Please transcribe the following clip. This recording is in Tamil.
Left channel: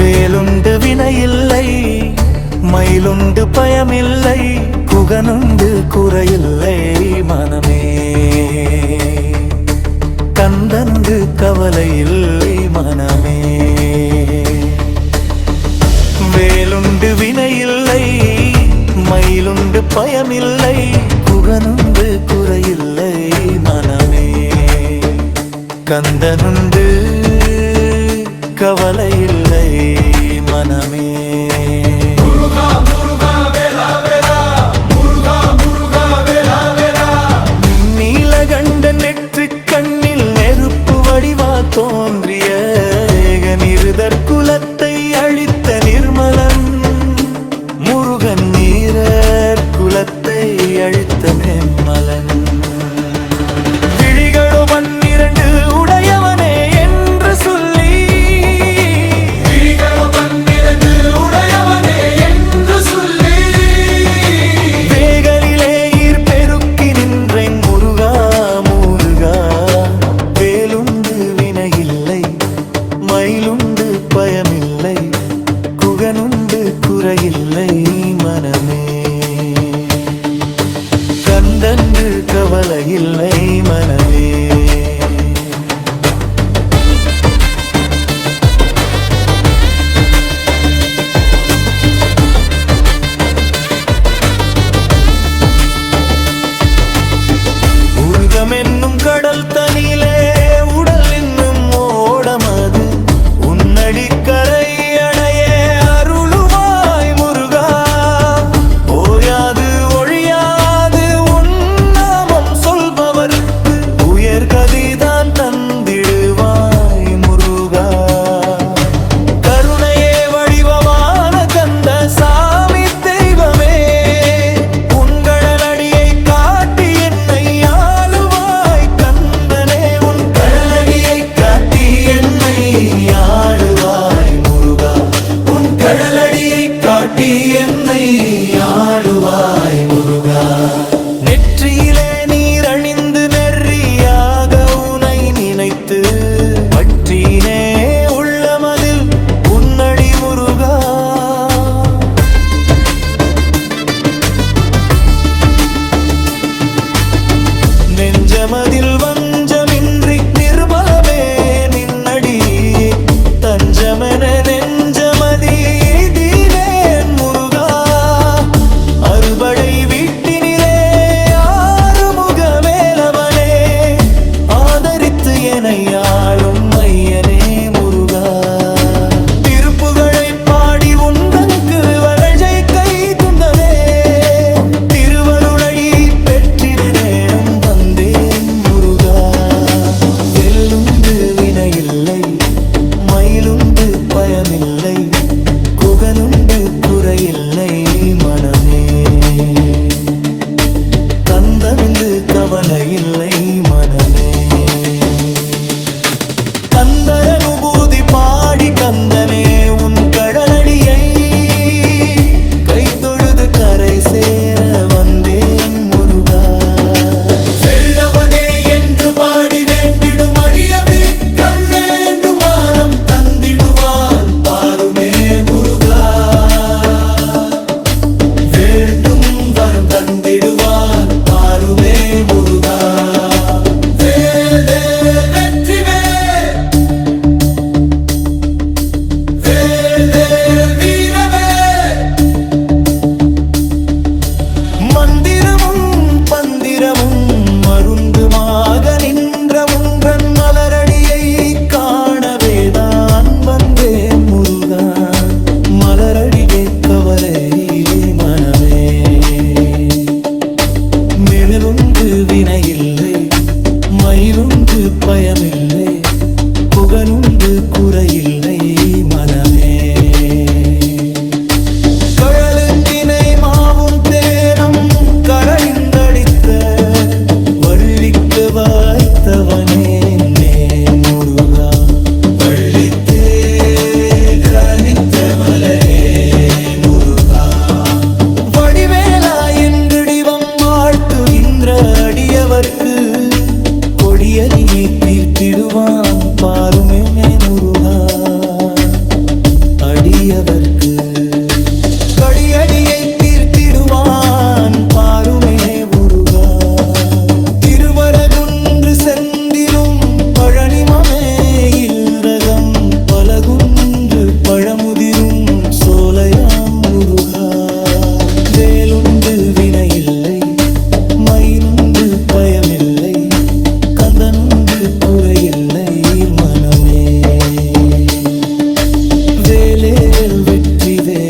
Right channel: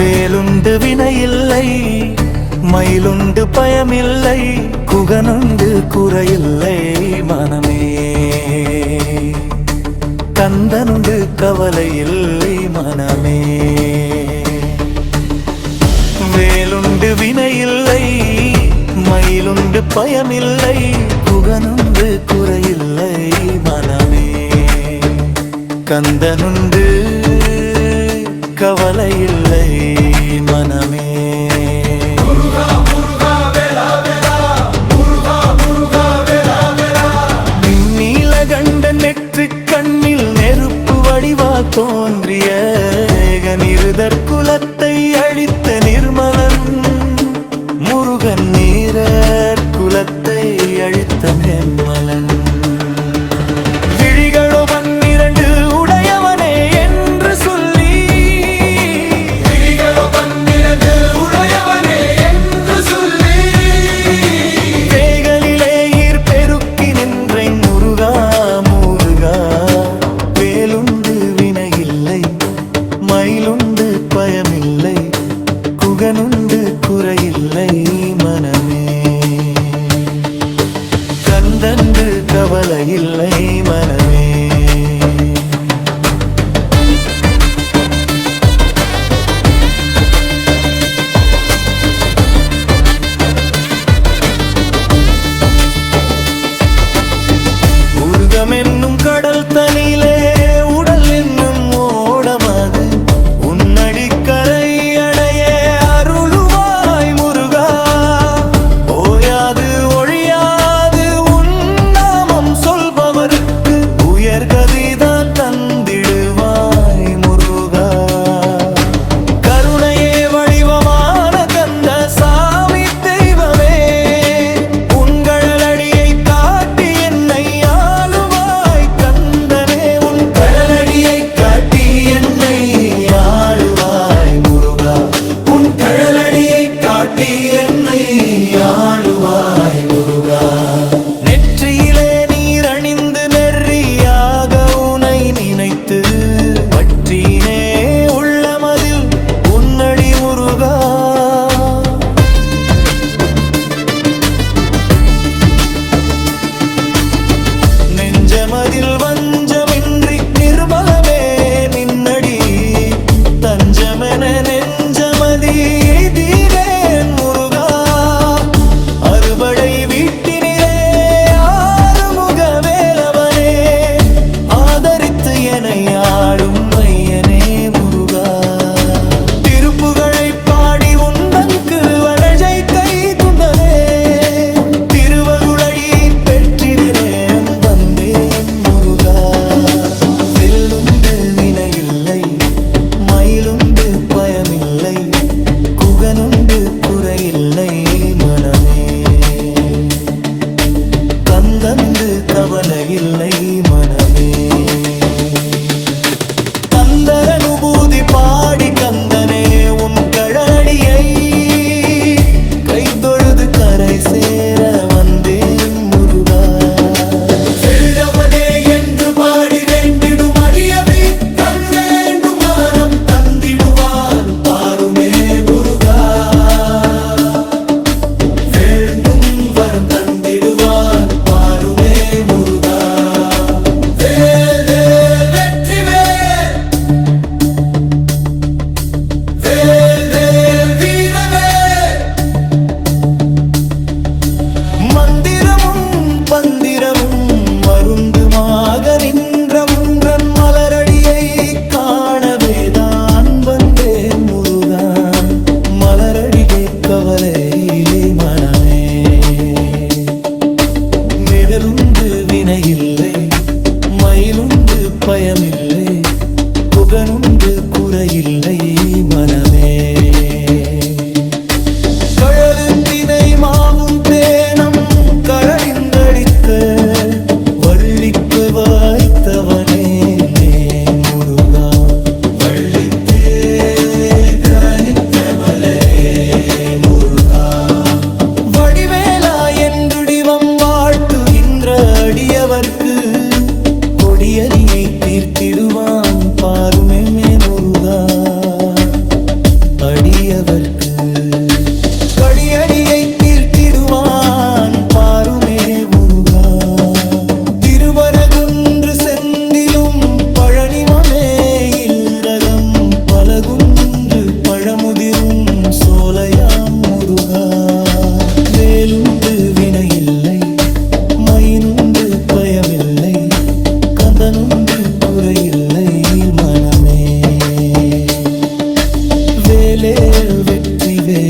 வேலுண்டு வினையில்லை, மயிலுண்டு பயமில்லை, குகனுண்டு குறையில்லை மனமே. கந்தனுண்டு கவலையில்லை மனமே. வேலுண்டு வினையில்லை, மயிலுண்டு பயமில்லை, குகனுண்டு குறையில்லை மனமே. கந்தனுண்டு கவலையில்லை மனமே. நீலகண்டன் நெற்றி கண்ணில் நெருப்பு வடிவா தோன்றிய ஏகநிருதர் குலத்தை அழித்த நிர்மலன் முருகன். நீரர் குலத்தை அழித்த நிர்மலன். விழிகளோ 12 உடையவனே என்று சொல்லி, வேகலிலே ஈர் பெருக்கி நின்றேன் முருகா முருகா. வேலுண்டு வினையில்லை, மயிலுண்டு பயமில்லை, குகனுண்டு குறையில்லை மனமே. கந்தன்று கவலையில்லை மனமே. உருகமென்னும் கடல் தனிலே உடல் என்னும் ஓடமது உன்னடி கரை அடைய அருளுவாய் முருகா. ஓயாது ஒழியாது உன் நாமம் சொல்பவர்க்கு உயர்கதிதான் தந்திடுவாய் முருகா. கருணையே வடிவமான கந்த சாமி தெய்வமே, உன்கழலடியை காட்டி என்னை ஆளுவாய் கந்தனே. உன் கழலடியை காட்டி என்னை ஆளுவாய் முருகா. உன் கழலடியை காட்டி என்னை ஆளுவாய் முருகா. நெற்றியிலே நீர் அணிந்து நெறியாக உனை நினைத்து பற்றினே உள்ளமதில் உன்னடி முருகா. நெஞ்சமதில் வஞ்சமின்றி நிர்மலமே நின்னடி தஞ்சமென நெஞ்சமதி எய்தினேன் முருகா. அறுபடை வீட்டினிலே ஆறுமுக வேலவனே, ஆதரித்து என்னை ஆளும் ஐயனே முருகா. திருப்புகழை பாடி உந்தங்கு வளஜை கை துந்தனே, திருவருளை பெற்றிருந்தேன் வந்தேன் முருகா. வெல்லுண்டு வினையில்லை, மயிலுண்டு பயமில்லை, குகனுண்டு குறையில்லை மனமே. கந்தனுண்டு கவலையில்லை மனமே. கந்தரனுபூதி பாடி கந்தனே உன் கழலடியை கைதொழுது கரை சேர வந்தேன் முருகா. மந்திரமும் பந்திரமும் மருந்துமாக நின்ற உன்றன் மலரடியை காணவேதான் வந்தேன் முருகா. மலரடியை கவலையிலே மனமே. நிழலுண்டு வினையில்லை, மயிலுண்டு பயமில்லை, புகனுண்டு குறையில்லை மனமே. கழலுத்தினை மாவும் தேனம் கடலிந்தடித்த வள்ளிக்கு வாய்த்தவனே நே முருகா. வடிவேலா என்றுடிவம் வாழ்த்துகின்ற அடியவர்க்கு கொடியதினை தீர்த்திடுவான் பாருமே முருகா. அடியவர்க்கு கடியடியை தீர்த்திடுவான் பாருமே முருகா. திருவரகுன்று செந்திலும் பழனிமமே இல்லகம் பலகுன்று பழமுதிரும் சோலையாம் முருகா. வேலுண்டு வினையில்லை மைனுண்டு பயமில்லை கந்தனுண்டு குறையில்லை மனமே. வேலே வெற்றி வே